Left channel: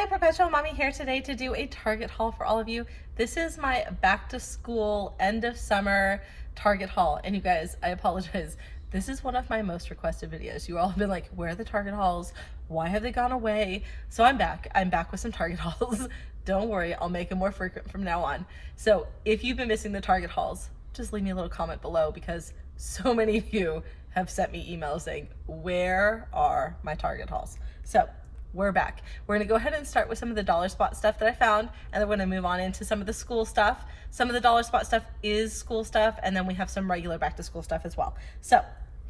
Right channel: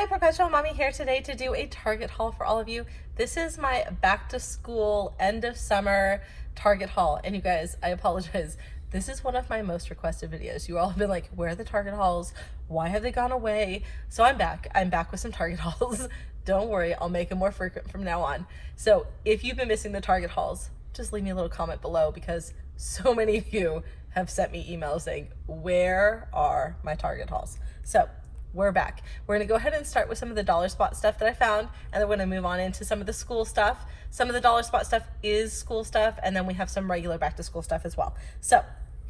Hi, Perpetual Mommy here today to do a Target haul for all of you. This is my back to school, end of summer Target haul. And you guys, I apologize. This is one of my most requested videos. You all have been like, where are the Target hauls? Why have they gone away? So I'm back. I'm back with some Target hauls. Don't worry, I'll make them more frequent from now on. So if you've been missing the Target hauls, just leave me a little comment below because so many of you have sent me emails saying, where are my Target hauls? So we're back. We're gonna go ahead and start with some of the dollar spot stuff that I found, and then we're gonna move on into some of the school stuff. Some of the dollar spot stuff is school stuff, and then we have some regular back to school stuff as well. So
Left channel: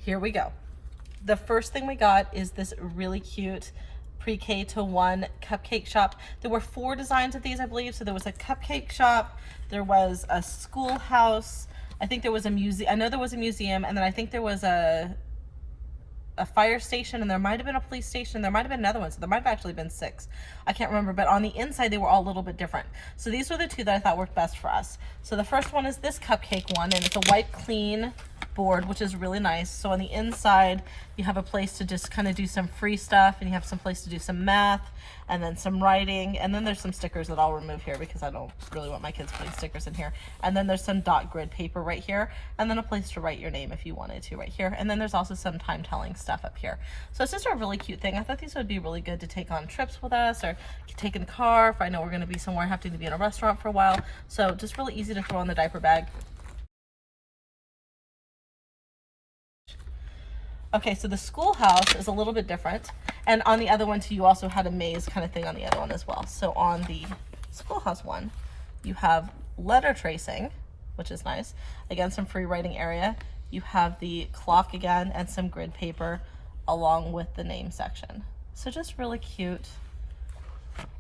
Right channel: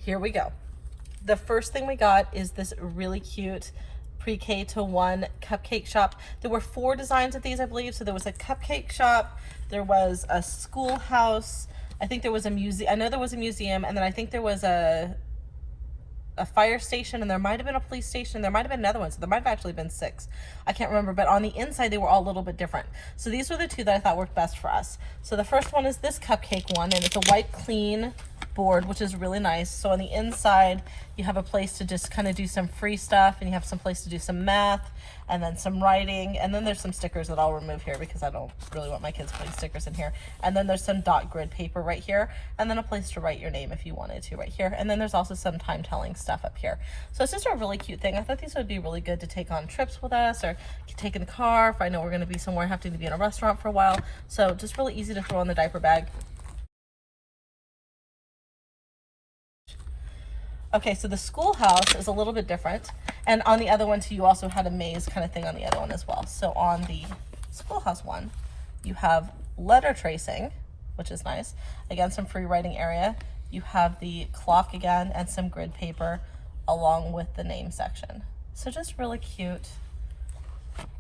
here we go. The first thing we got is this really cute pre-K to 1 cupcake shop. There were 4 designs of these, I believe. So there was a cupcake shop, there was a schoolhouse, I think there was a museum, I know there was a museum, and then I think there was a fire station, and there might have been a police station, there might have been another one, so there might have actually been 6. I can't remember, but on the inside they were all a little bit different. So these were the 2 that I thought worked best for us. So the first one is this cupcake one, and it's a white clean board, which is really nice. So on the inside you have a place to just kind of do some free stuff, and you have some place to do some math and then some writing, and then there's some stickers that I'll remove here because I don't really want my kids putting stickers in here. And then there's some dot grid paper right here, and then a place to write your name if you wanted to right here. And then there's also some time telling stuff up here. So it's just a really cute thing. I thought these would be really good to take on trips with us, or take in the car if I know we're going to be somewhere, have to be in a restaurant for a while. So just really easy to throw in the diaper bag. Okay, so the schoolhouse is a little bit different. And on the other one too, you also had a maze kind of thing on the other one as well. So on the schoolhouse one, you have letter tracing, which is nice. Again, some free writing area. You have the clock again and some grid paper along with the name section. So just really cute.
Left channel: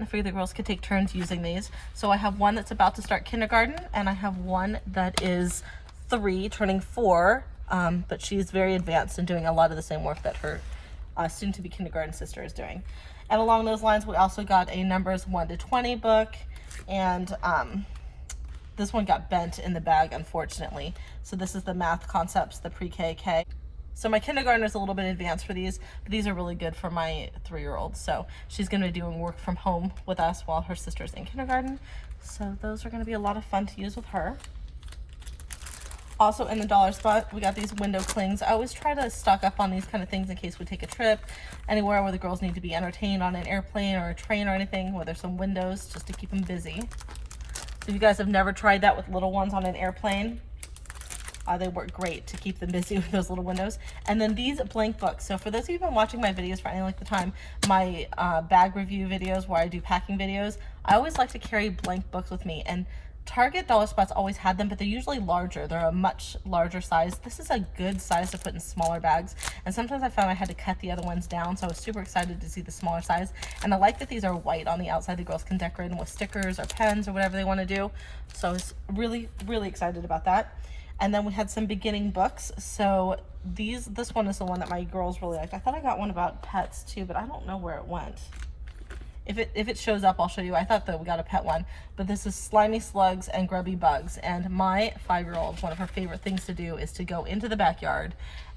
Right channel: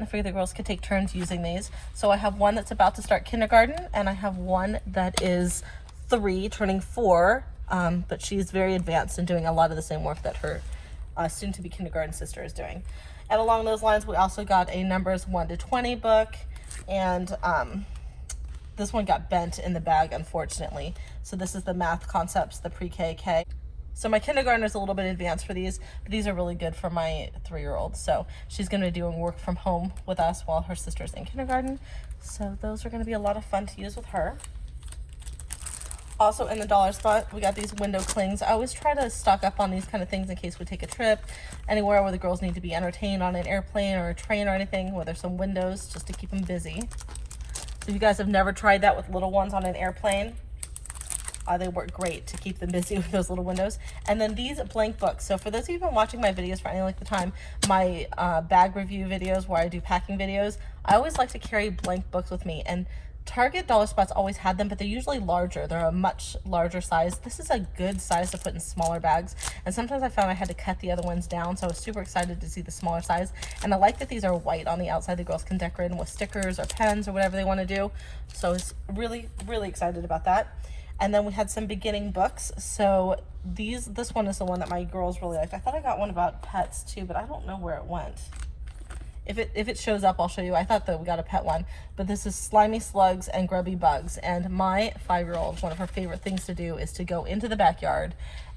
I figured the girls could take turns using these. So I have one that's about to start kindergarten, and I have one that is 3, turning 4. But she's very advanced and doing a lot of the same work that her soon-to-be kindergarten sister is doing. And along those lines, we also got a numbers 1 to 20 book, and this one got bent in the bag, unfortunately. So this is the math concepts, the pre-K. So my kindergartner is a little bit advanced for these, but these are really good for my 3-year-old. So she's going to be doing work from home with us while her sister's in kindergarten. So those are going to be a lot of fun to use with her. Also in the dollar spot, we got these window clings. I always try to stock up on these kind of things in case we take a trip anywhere where the girls need to be entertained on an airplane or a train or anything, where there's some windows just to keep them busy. So if you guys have never tried that with little ones on an airplane, they work great to keep them busy with those little windows. And then these blank books. So for those of you who've been watching my videos for any length of time, my bag review videos where I do packing videos, I always like to carry blank books with me. And Target dollar spots always had them, but they're usually larger. They're a much larger size. This is a good size to put in smaller bags, and sometimes I found I had to cut the other ones down, so I was super excited to see the smaller size. And I like that these are white on the outside. The girls can decorate them with stickers or pens or whatever they want to do, so I was really excited about that. And then we had some beginning books. So this one is the one that my girls really liked. I thought I got one about pets too, but I don't know where it went. If it shows up, I'll show you. I thought that we got a pet one, but this is slimy slugs and grubby bugs. And my 5-year-old, one of her favorite things to do is to go into the backyard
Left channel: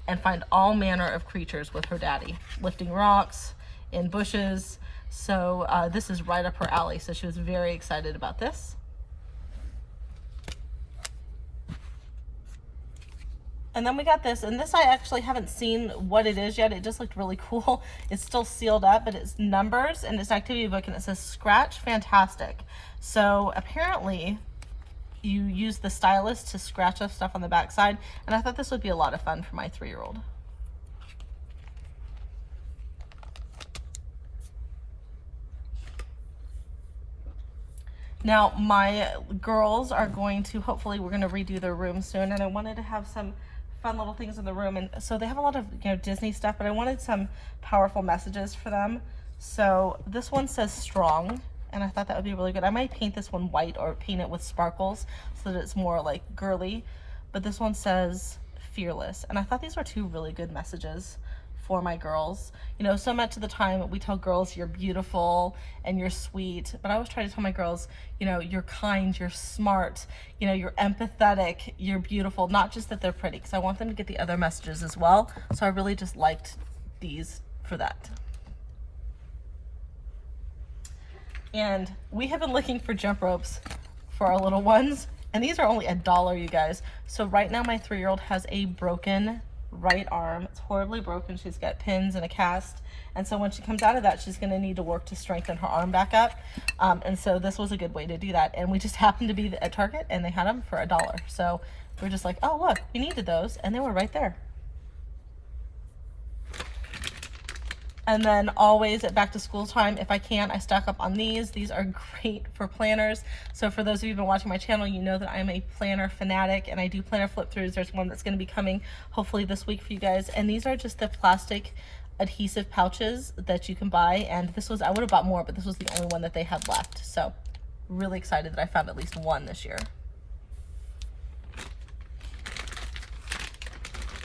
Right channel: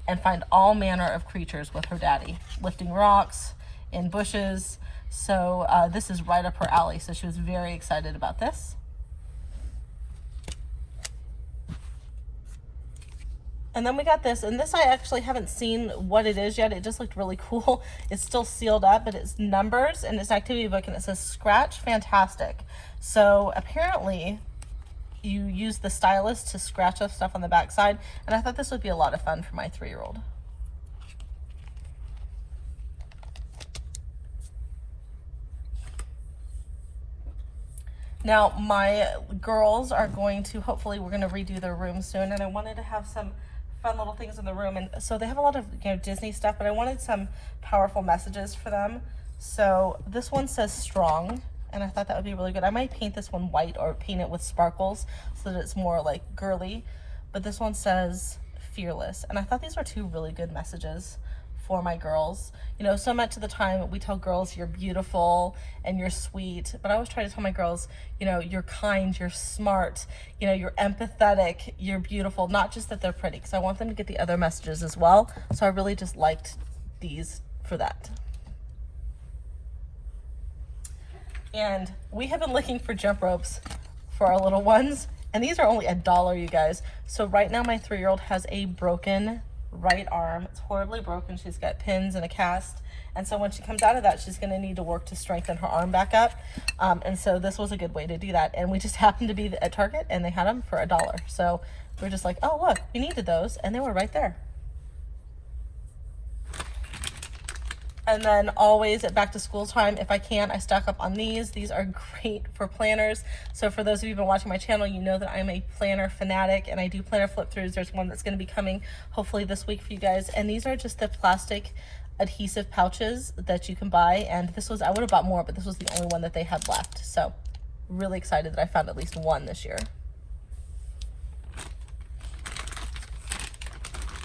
and find all manner of creatures with her daddy, lifting rocks in bushes. So this is right up her alley. So she was very excited about this. And then we got this, and this I actually haven't seen what it is yet. It just looked really cool. It's still sealed up, but it's numbers, and it's an activity book, and it says Scratch Fantastic. So apparently you use the stylus to scratch up stuff on the back side, and I thought this would be a lot of fun for my 3-year-old. Now my girls are going to, hopefully we're going to redo their room soon, and I wanted to have some fun little things in the room. And so they have a lot of Disney stuff, but I wanted some powerful messages for them. So this one says strong, and I thought that would be really good. I might paint this one white or paint it with sparkles so that it's more like girly, but this one says fearless, and I thought these were 2 really good messages for my girls. You know, so much of the time we tell girls you're beautiful and you're sweet, but I always try to tell my girls, you know, you're kind, you're smart, you know, you're empathetic, you're beautiful, not just that they're pretty, because I want them to get the other messages as well. So I really just liked these for that. And we have been looking for jump ropes for our little ones, and these are only $1, you guys. So right now my 3-year-old has a broken right arm. It's horribly broken. She's got pins and a cast. And so when she comes out of that, she's gonna need to work to strengthen her arm back up. And so this was a good way to do that. And we just happened to be at Target and they had them for $1. So we were just like, oh look, we needed those, and they were right there. And then always at back to school time, if I can, I stock up on these. These are great for planners. So for those of you who've been watching my channel, you know that I'm a planner fanatic and I do planner flip throughs. There's one that's gonna be coming hopefully this week for you guys. And these are just the plastic adhesive pouches that you can buy. And this was, I would have bought more, but this was the only one that they had left. So really excited that I found at least one this year.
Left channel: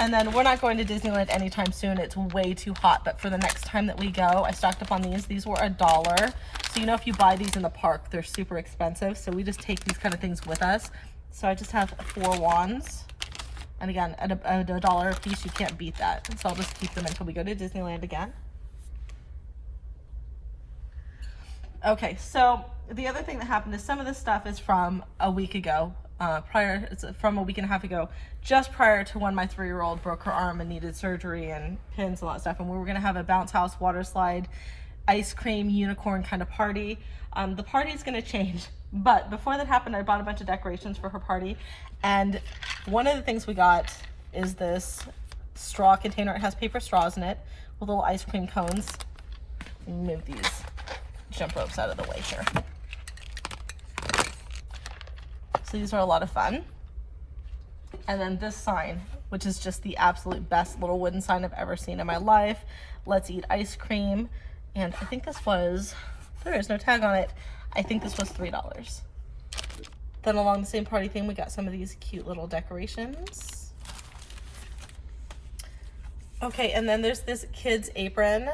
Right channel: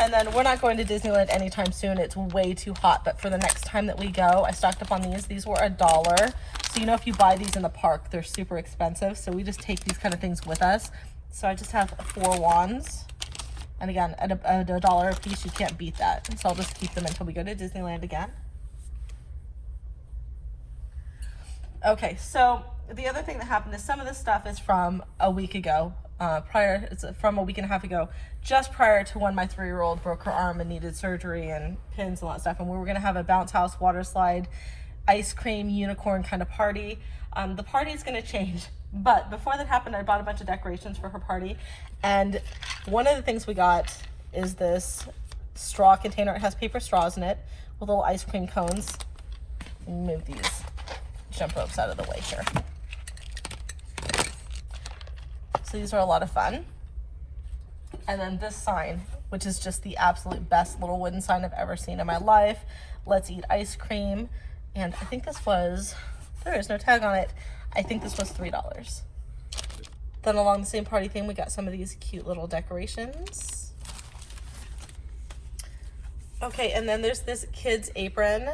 And then we're not going to Disneyland anytime soon. It's way too hot, but for the next time that we go, I stocked up on these. These were $1. So you know, if you buy these in the park, they're super expensive. So we just take these kind of things with us. So I just have 4 wands. And again, at $1 a piece, you can't beat that. So I'll just keep them until we go to Disneyland again. Okay, so the other thing that happened is some of this stuff is from a week ago. It's from a week and a half ago, just prior to when my 3-year-old broke her arm and needed surgery and pins and all that stuff. And we were gonna have a bounce house, water slide, ice cream, unicorn kind of party. The party's gonna change, but before that happened, I bought a bunch of decorations for her party. And one of the things we got is this straw container. It has paper straws in it with little ice cream cones. Move these jump ropes out of the way here. So these are a lot of fun. And then this sign, which is just the absolute best little wooden sign I've ever seen in my life. Let's eat ice cream. And I think this was, there is no tag on it. I think this was $3. Then along the same party theme, we got some of these cute little decorations. Okay, and then there's this kid's apron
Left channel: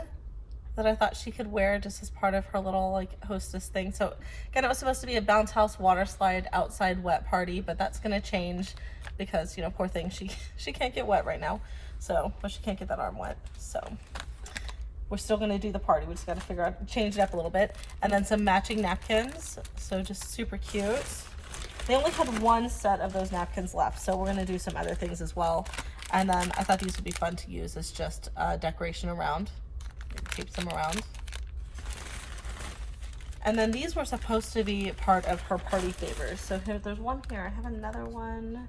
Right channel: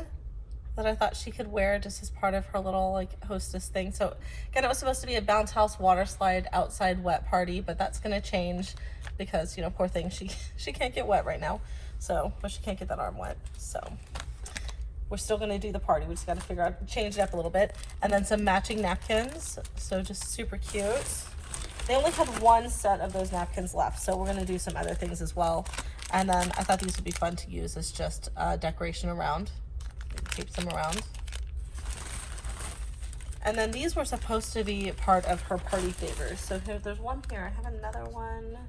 that I thought she could wear just as part of her little like hostess thing. So again, it was supposed to be a bounce house, water slide, outside wet party, but that's gonna change because, you know, poor thing, she can't get wet right now. So, but she can't get that arm wet. So we're still gonna do the party. We just gotta figure out, change it up a little bit. And then some matching napkins. So just super cute. They only had 1 set of those napkins left. So we're gonna do some other things as well. And then I thought these would be fun to use as just decoration around. Keep them around. And then these were supposed to be part of her party favors. So here, there's one here. I have another one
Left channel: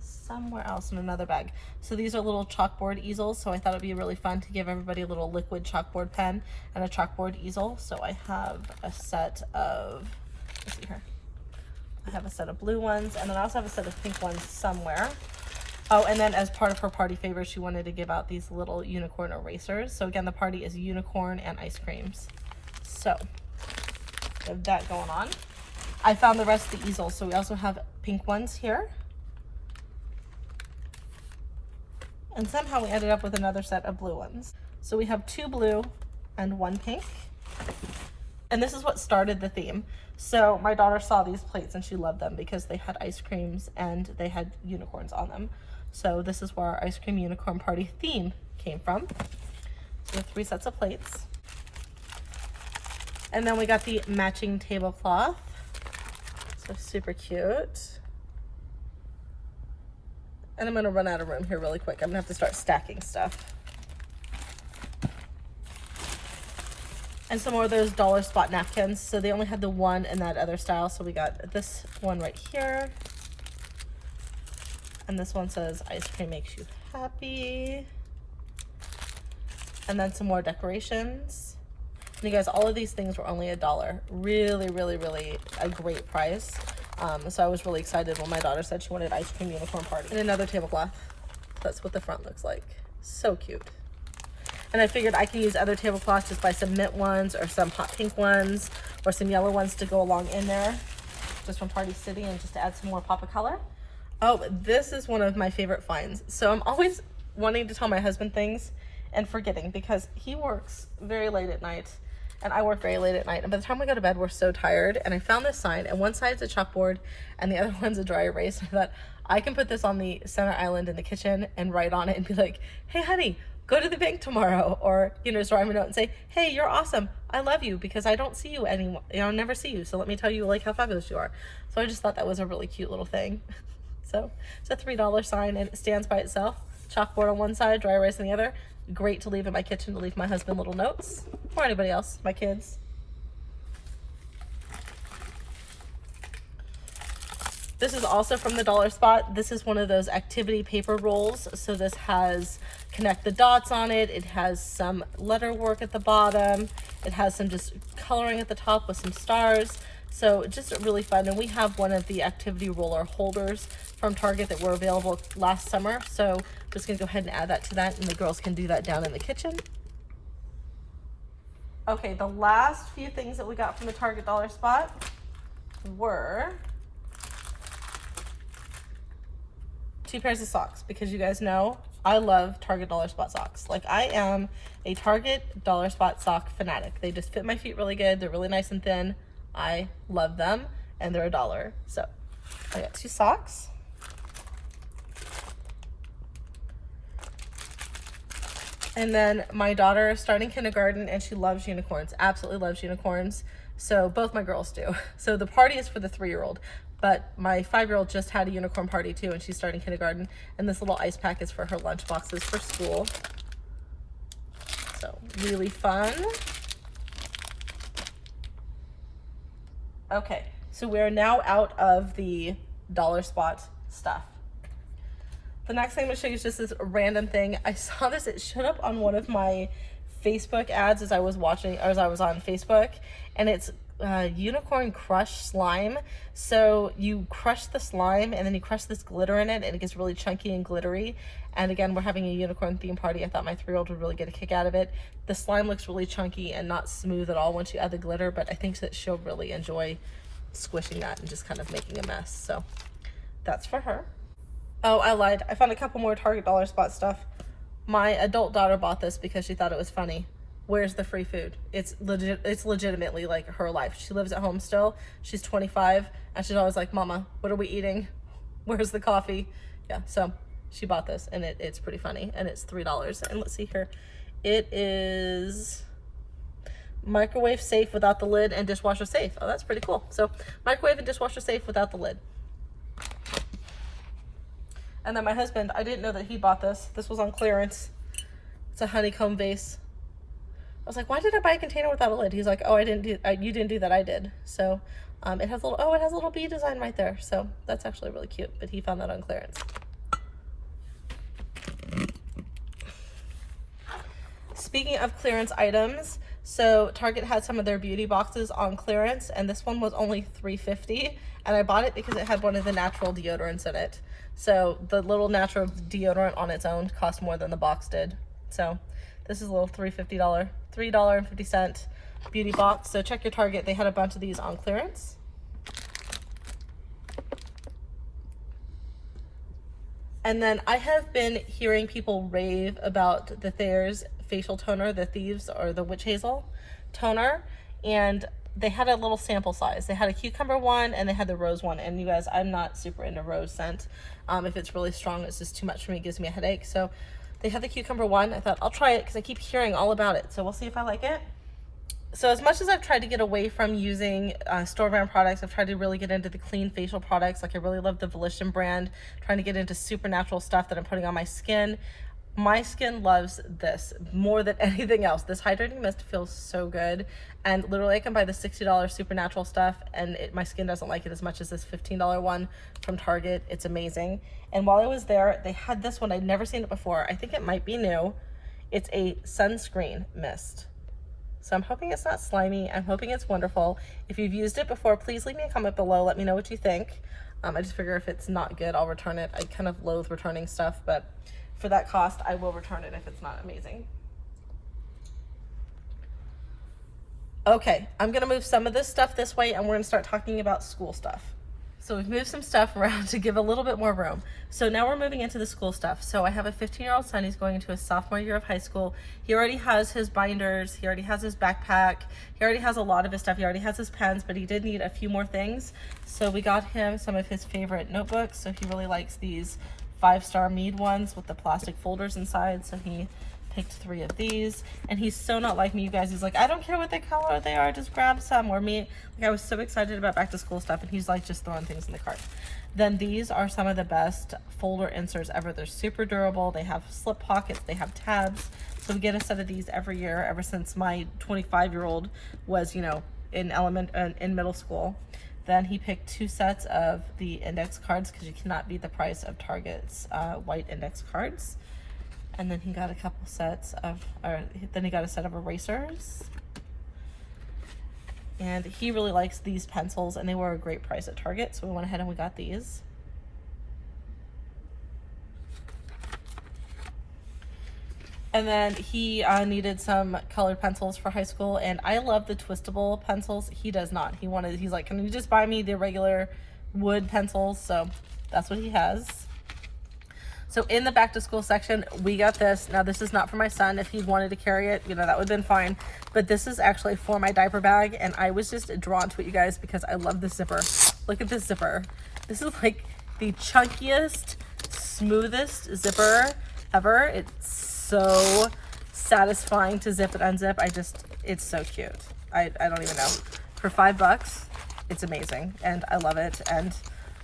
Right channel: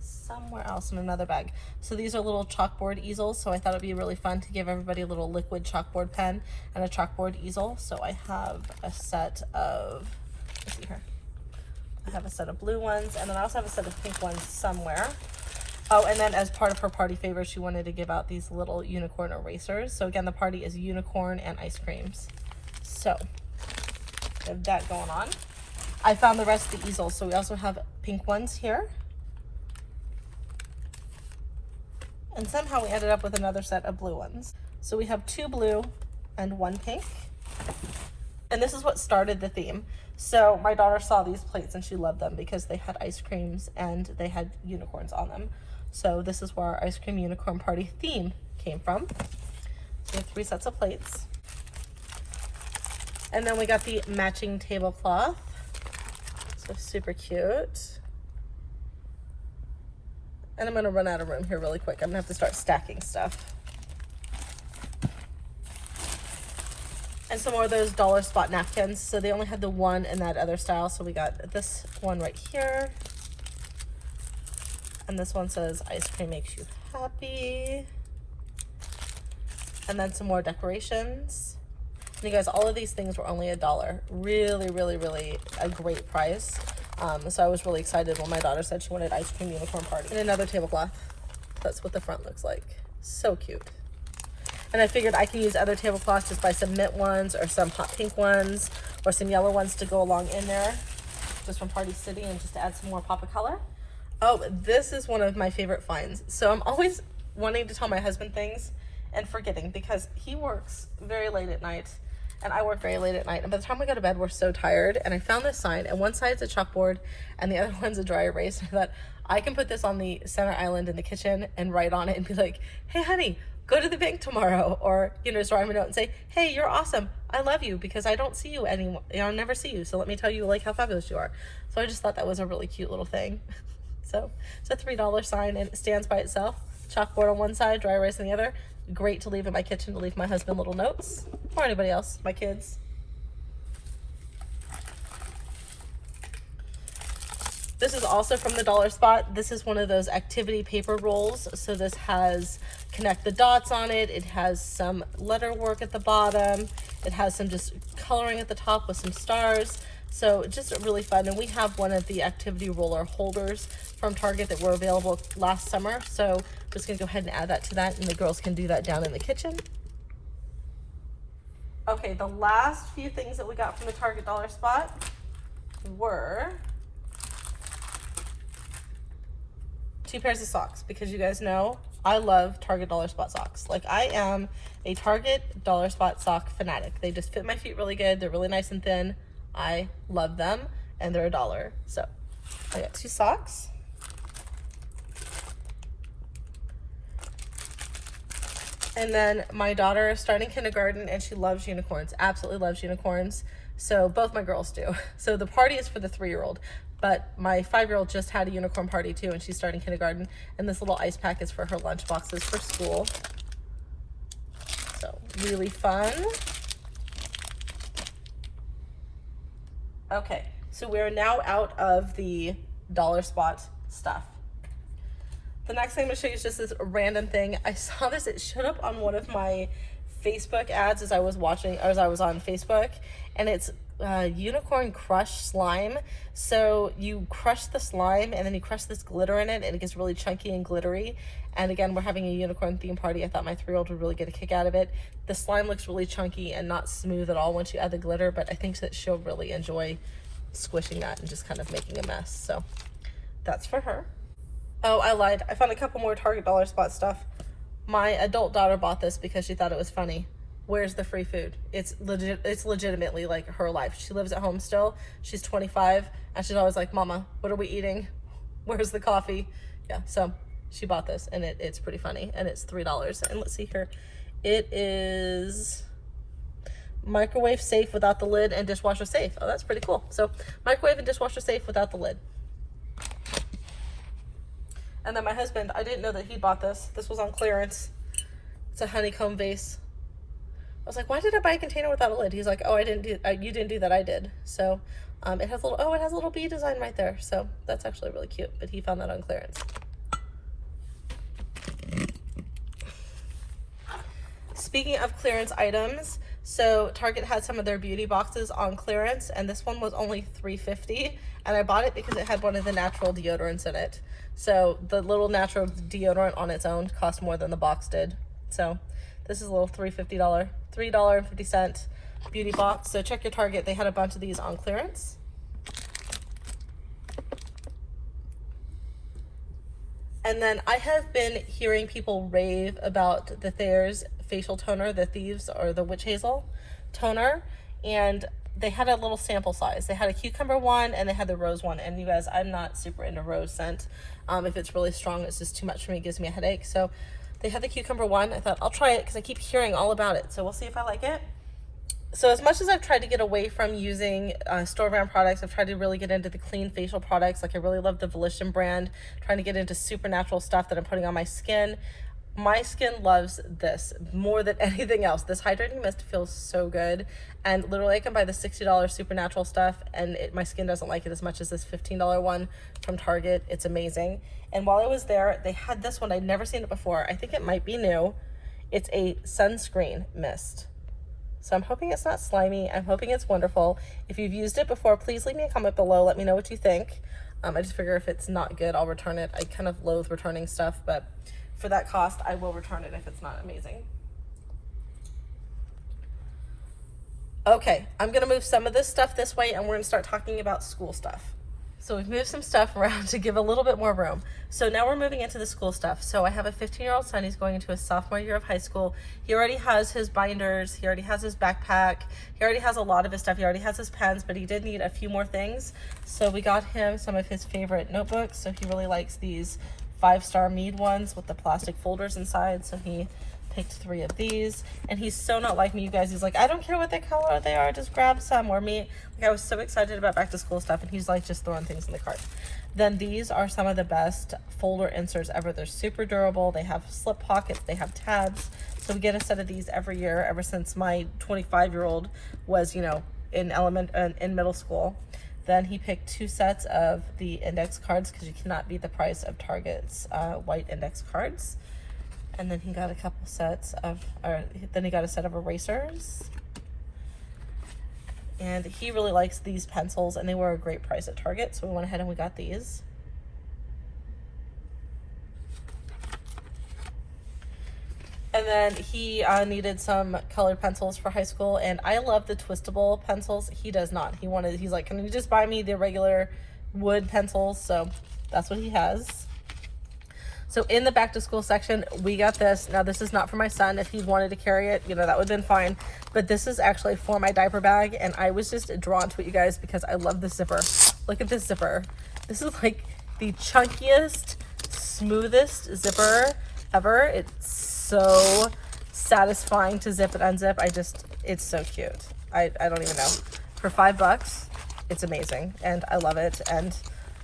somewhere else in another bag. So these are little chalkboard easels. So I thought it'd be really fun to give everybody a little liquid chalkboard pen and a chalkboard easel. So I have a set of, let's see here. I have a set of blue ones, and then I also have a set of pink ones somewhere. Oh, and then as part of her party favor, she wanted to give out these little unicorn erasers. So again, the party is unicorn and ice creams. So we have that going on. I found the rest of the easels. So we also have pink ones here. And somehow we ended up with another set of blue ones. So we have 2 blue and 1 pink. And this is what started the theme. So my daughter saw these plates and she loved them because they had ice creams and they had unicorns on them. So this is where our ice cream unicorn party theme came from. So we have 3 sets of plates. And then we got the matching tablecloth. So super cute. And I'm gonna run out of room here really quick. I'm gonna have to start stacking stuff. And some more of those dollar spot napkins. So they only had the one in that other style. So we got this one right here. And this one says, ice cream makes you happy. And then some more decorations. And you guys, all of these things were only $1. Really, really, really a great price. So I was really excited when my daughter said she wanted ice cream unicorn party. And another tablecloth. That's what the front looks like. So cute. And I figured I can use other tablecloths, just buy some mint ones or some hot pink ones or some yellow ones to go along in there, just from Party City, and just to add some more pop of color. Oh, this is one of my favorite finds. So I'm always wanting to tell my husband things and forgetting because he works very late at night and I work very late at night. And by the time we go to bed, we're so tired. And I found this sign, and one side's a chalkboard and the other one's a dry erase. I thought I can put this on the center island in the kitchen and write on it and be like, hey honey, go to the bank tomorrow, or, you know, just write him a note and say, hey, you're awesome. I love you because I don't see you anymore. You know, I never see you. So let me tell you like how fabulous you are. So I just thought that was a really cute little thing. So it's a $3 sign and it stands by itself. Chalkboard on one side, dry erase on the other. Great to leave in my kitchen to leave my husband little notes, or anybody else, my kids. This is also from the Dollar Spot. This is one of those activity paper rolls. So this has connect the dots on it. It has some letter work at the bottom. It has some just coloring at the top with some stars. So just really fun. And we have one of the activity roller holders from Target that were available last summer. So I'm just gonna go ahead and add that to that, and the girls can do that down in the kitchen. Okay, the last few things that we got from the Target Dollar Spot were 2 pairs of socks, because you guys know I love Target Dollar Spot socks. Like, I am a Target Dollar Spot sock fanatic. They just fit my feet really good. They're really nice and thin. I love them, and they're $1. So I got 2 socks. And then my daughter is starting kindergarten and she loves unicorns, absolutely loves unicorns. So both my girls do. So the party is for the 3-year-old, but my 5-year-old just had a unicorn party too, and she's starting kindergarten. And this little ice pack is for her lunch boxes for school. So really fun. Okay, so we're now out of the Dollar Spot stuff. The next thing I'm gonna show you is just this random thing. I saw this, it showed up on one of my Facebook ads as I was on Facebook, and it's unicorn crush slime. So you crush the slime and then you crush this glitter in it, and it gets really chunky and glittery. And again, we're having a unicorn theme party. I thought my 3-year-old would really get a kick out of it. The slime looks really chunky and not smooth at all once you add the glitter, but I think that she'll really enjoy squishing that and just kind of making a mess. So that's for her. Oh, I lied. I found a couple more Target Dollar Spot stuff. My adult daughter bought this because she thought it was funny. Where's the free food? It's legitimately like her life. She lives at home still. She's 25, and she's always like, Mama, what are we eating? Where's the coffee? Yeah, so she bought this, and it's pretty funny, and it's $3. And let's see here. It is microwave safe without the lid and dishwasher safe. Oh, that's pretty cool. So microwave and dishwasher safe without the lid. And then my husband, I didn't know that he bought this. This was on clearance. It's a honeycomb vase. I was like, why did I buy a container without a lid? He's like, oh, you didn't do that, I did. So it has a little bee design right there. So that's actually really cute, but he found that on clearance. Speaking of clearance items, so Target had some of their beauty boxes on clearance, and this one was only $3.50, and I bought it because it had one of the natural deodorants in it. So the little natural deodorant on its own cost more than the box did. So this is a little $3.50 beauty box. So check your Target. They had a bunch of these on clearance. And then I have been hearing people rave about the Thayer's facial toner, the Thieves or the Witch Hazel toner. And they had a little sample size. They had a cucumber one and they had the rose one. And you guys, I'm not super into rose scent. If it's really strong, it's just too much for me. It gives me a headache. So they had the cucumber one. I thought I'll try it because I keep hearing all about it. So we'll see if I like it. So as much as I've tried to get away from using store-brand products, I've tried to really get into the clean facial products. Like I really love the Volition brand, trying to get into supernatural stuff that I'm putting on my skin. My skin loves this more than anything else. This hydrating mist feels so good. And literally I can buy the $60 supernatural stuff and my skin doesn't like it as much as this $15 one from Target. It's amazing. And while I was there, they had this one. I'd never seen it before. I think it might be new. It's a sunscreen mist. So I'm hoping it's not slimy. I'm hoping it's wonderful. If you've used it before, please leave me a comment below. Let me know what you think. I just figure if it's not good, I'll return it. I kind of loathe returning stuff, but for that cost, I will return it if it's not amazing. Okay, I'm gonna move some of this stuff this way and we're gonna start talking about school stuff. So we've moved some stuff around to give a little bit more room. So now we're moving into the school stuff. So I have a 15-year-old son. He's going into his sophomore year of high school. He already has his binders. He already has his backpack. He already has a lot of his stuff. He already has his pens, but he did need a few more things. So we got him some of his favorite notebooks. So he really likes these 5-star Mead ones with the plastic folders inside. So he picked 3 of these, and he's so not like me, you guys. He's like, I don't care what the color they are, just grab some. Or me, like, I was so excited about back to school stuff, and he's like just throwing things in the cart. Then these are some of the best folder inserts ever. They're super durable. They have slip pockets. They have tabs. So we get a set of these every year ever since my 25-year-old was, you know, in middle school. Then he picked 2 sets of the index cards because you cannot beat the price of Target's white index cards. And then he got a couple sets of, then he got a set of erasers. And he really likes these pencils, and they were a great price at Target, so we went ahead and we got these. And then he needed some colored pencils for high school, and I love the twistable pencils. He does not. He's like, can you just buy me the regular wood pencils? So that's what he has. So in the back to school section, we got this. Now this is not for my son. If he wanted to carry it, you know, that would have been fine. But this is actually for my diaper bag, and I was just drawn to it, you guys, because I love this zipper. Look at this zipper. This is like the chunkiest, smoothest zipper ever. It's so satisfying to zip and unzip. It's so cute. I don't even know. For $5, it's amazing, and I love it. And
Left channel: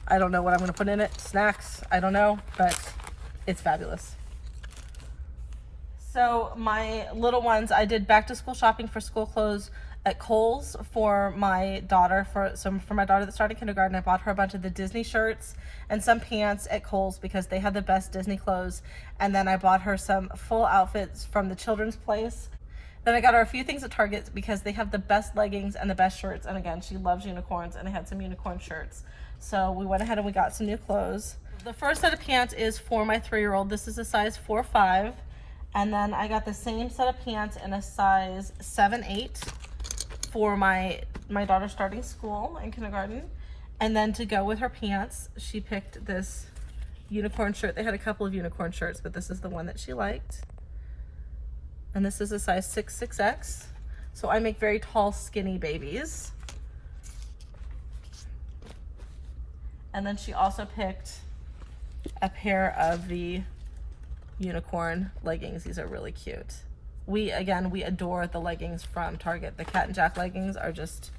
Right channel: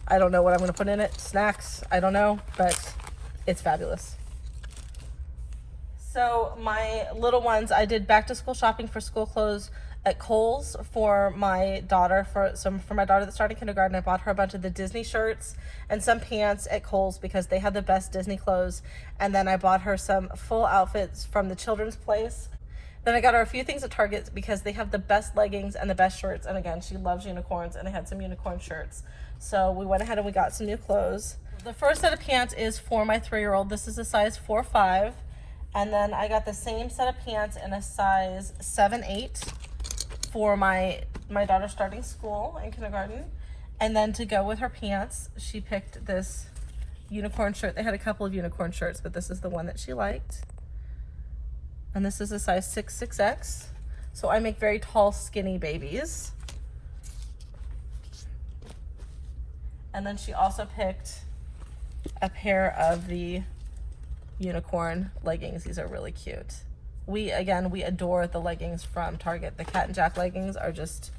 I don't know what I'm gonna put in it. Snacks, I don't know, but it's fabulous. So my little ones, I did back to school shopping for school clothes at Kohl's for my daughter. For my daughter that started kindergarten, I bought her a bunch of the Disney shirts and some pants at Kohl's because they had the best Disney clothes. And then I bought her some full outfits from the children's place. Then I got her a few things at Target because they have the best leggings and the best shirts. And again, she loves unicorns, and I had some unicorn shirts. So we went ahead and we got some new clothes. The first set of pants is for my 3-year-old. This is a size 4-5. And then I got the same set of pants in a size 7-8 for my daughter starting school in kindergarten. And then to go with her pants, she picked this unicorn shirt. They had a couple of unicorn shirts, but this is the one that she liked. And this is a size 6X. So I make very tall, skinny babies. And then she also picked a pair of the unicorn leggings. These are really cute. We adore the leggings from Target. The Cat and Jack leggings are just,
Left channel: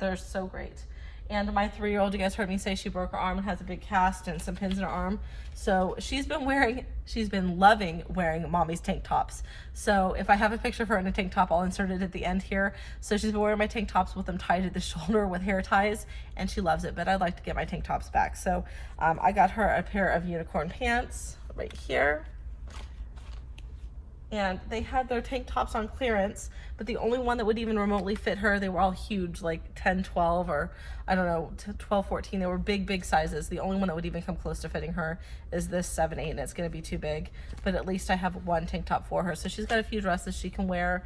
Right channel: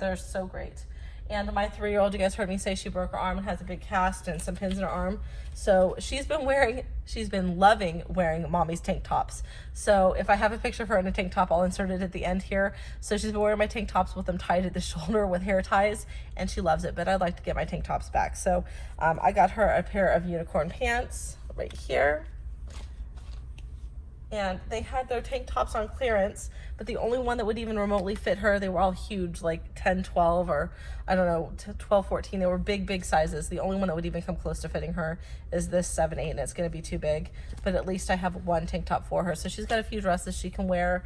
they're so great. And my 3-year-old, you guys heard me say she broke her arm and has a big cast and some pins in her arm. So she's been loving wearing mommy's tank tops. So if I have a picture of her in a tank top, I'll insert it at the end here. So she's been wearing my tank tops with them tied at the shoulder with hair ties, and she loves it, but I'd like to get my tank tops back. So I got her a pair of unicorn pants right here. And they had their tank tops on clearance, but the only one that would even remotely fit her, they were all huge, like 10, 12, or I don't know, 12, 14. They were big sizes. The only one that would even come close to fitting her is this 7-8, and it's going to be too big. But at least I have one tank top for her. So she's got a few dresses she can wear.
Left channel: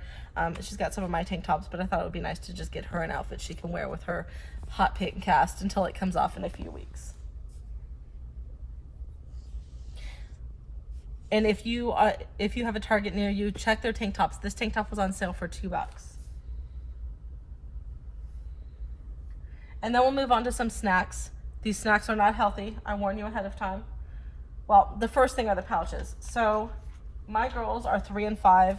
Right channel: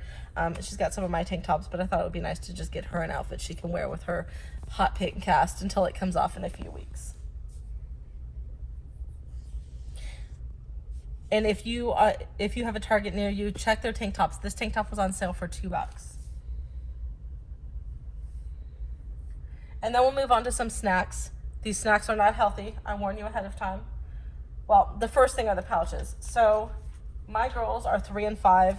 She's got some of my tank tops, but I thought it would be nice to just get her an outfit she can wear with her hot pink cast until it comes off in a few weeks. And if you have a Target near you, check their tank tops. This tank top was on sale for $2. And then we'll move on to some snacks. These snacks are not healthy. I warn you ahead of time. Well, the first thing are the pouches. So my girls are 3 and 5,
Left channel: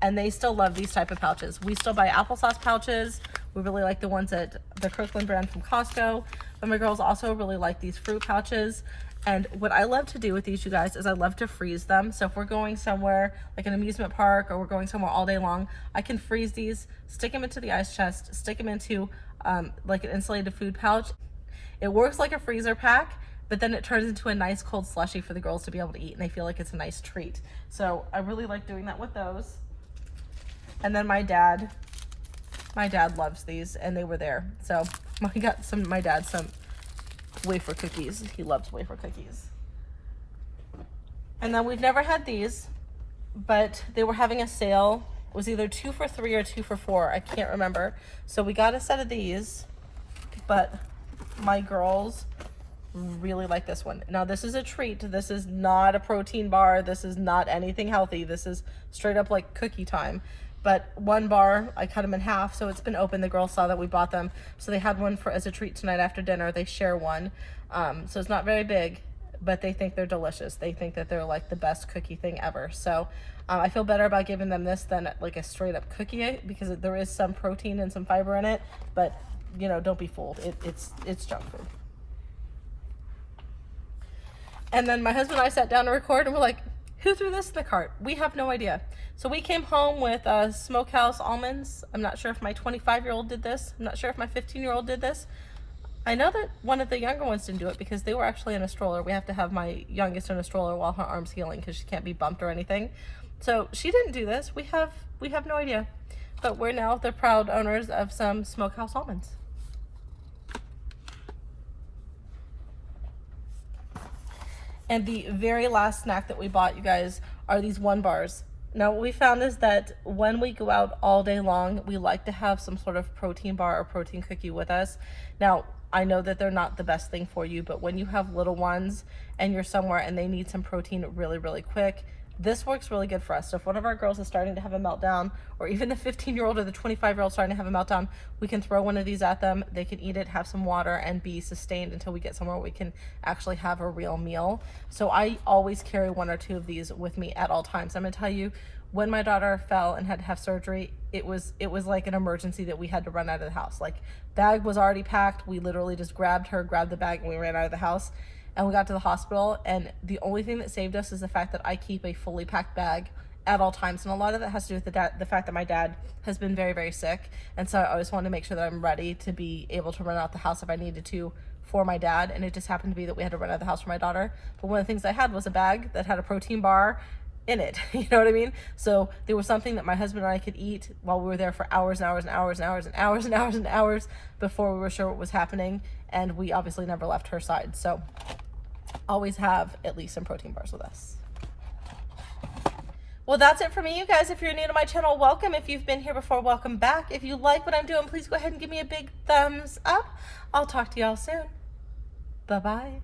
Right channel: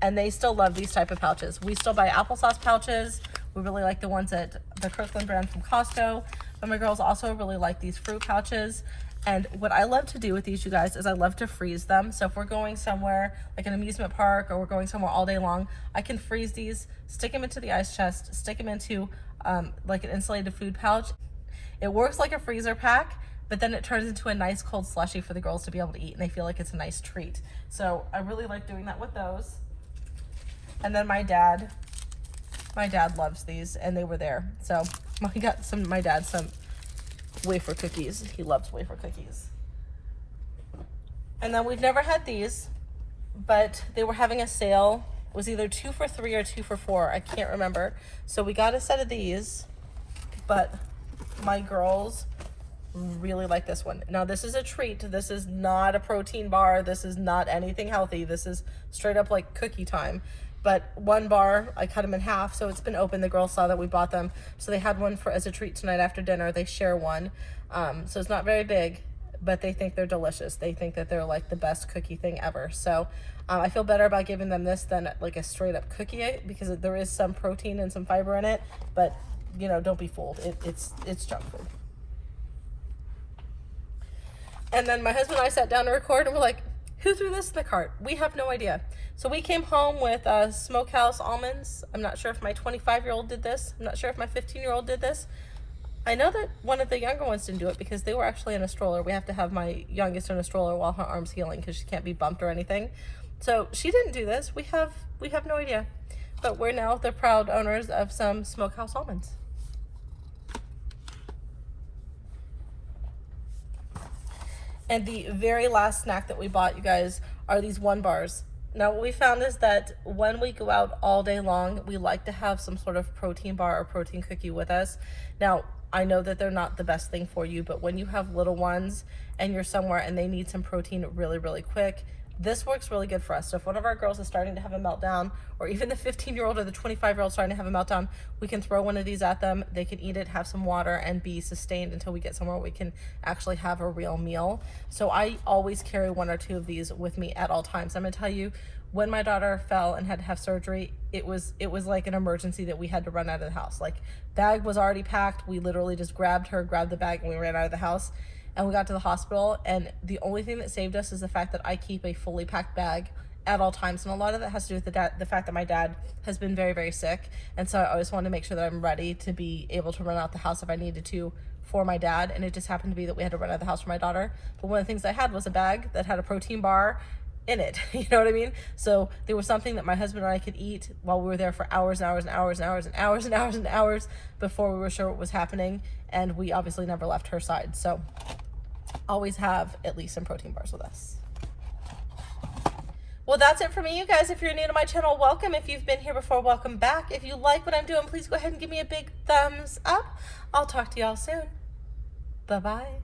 and they still love these type of pouches. We still buy applesauce pouches. We really like the ones at the Kirkland brand from Costco. But my girls also really like these fruit pouches. And what I love to do with these, you guys, is I love to freeze them. So if we're going somewhere like an amusement park or we're going somewhere all day long, I can freeze these, stick them into the ice chest, stick them into like an insulated food pouch. It works like a freezer pack, but then it turns into a nice cold slushie for the girls to be able to eat, and they feel like it's a nice treat. So I really like doing that with those. And then my dad loves these, and they were there. So I got my dad some wafer cookies. He loves wafer cookies. And then we've never had these, but they were having a sale. It was either 2 for $3 or 2 for $4. I can't remember. So we got a set of these, but my girls really like this one. Now this is a treat. This is not a protein bar. This is not anything healthy. This is straight up like cookie time. But one bar, I cut them in half, so it's been open. The girls saw that we bought them, so they had one as a treat tonight after dinner. They share one, so it's not very big, but they think they're delicious. They think that they're like the best cookie thing ever. So I feel better about giving them this than like a straight up cookie, because there is some protein and some fiber in it, but you know, don't be fooled. It's junk food. And then my husband and I sat down to record, and we're like, who threw this in the cart? We have no idea. So we came home with smokehouse almonds. I'm not sure if my 25-year-old did this. I'm not sure if my 15-year-old did this. I know that one of the younger ones didn't do it because they were actually in a stroller. We have to have my youngest in a stroller while her arm's healing because she can't be bumped or anything. So she didn't do this. We have no idea. But we're now the proud owners of some smokehouse almonds. And the very last snack that we bought, you guys, are these 1 bars. Now what we found is that when we go out all day long, we like to have some sort of protein bar or protein cookie with us. Now, I know that they're not the best thing for you, but when you have little ones and you're somewhere and they need some protein really, really quick, this works really good for us. So if one of our girls is starting to have a meltdown, or even the 15-year-old or the 25-year-old starting to have a meltdown, we can throw one of these at them. They can eat it, have some water, and be sustained until we get somewhere where we can actually have a real meal. So I always carry 1 or 2 of these with me at all times. I'm gonna tell you, when my daughter fell and had to have surgery, it was like an emergency that we had to run out of the house. Like, bag was already packed. We literally just grabbed the bag, and we ran out of the house. And we got to the hospital, and the only thing that saved us is the fact that I keep a fully packed bag at all times. And a lot of that has to do with the fact that my dad has been very, very sick. And so I always wanted to make sure that I'm ready to be able to run out the house if I needed to for my dad. And it just happened to be that we had to run out of the house for my daughter. But one of the things I had was a bag that had a protein bar in it. You know what I mean? So there was something that my husband and I could eat while we were there for hours and hours and hours and hours and hours and hours and hours before we were sure what was happening. And we obviously never left her side. So always have at least some protein bars with us. Well, that's it for me, you guys. If you're new to my channel, welcome. If you've been here before, welcome back. If you like what I'm doing, please go ahead and give me a big thumbs up. I'll talk to y'all soon. Bye-bye.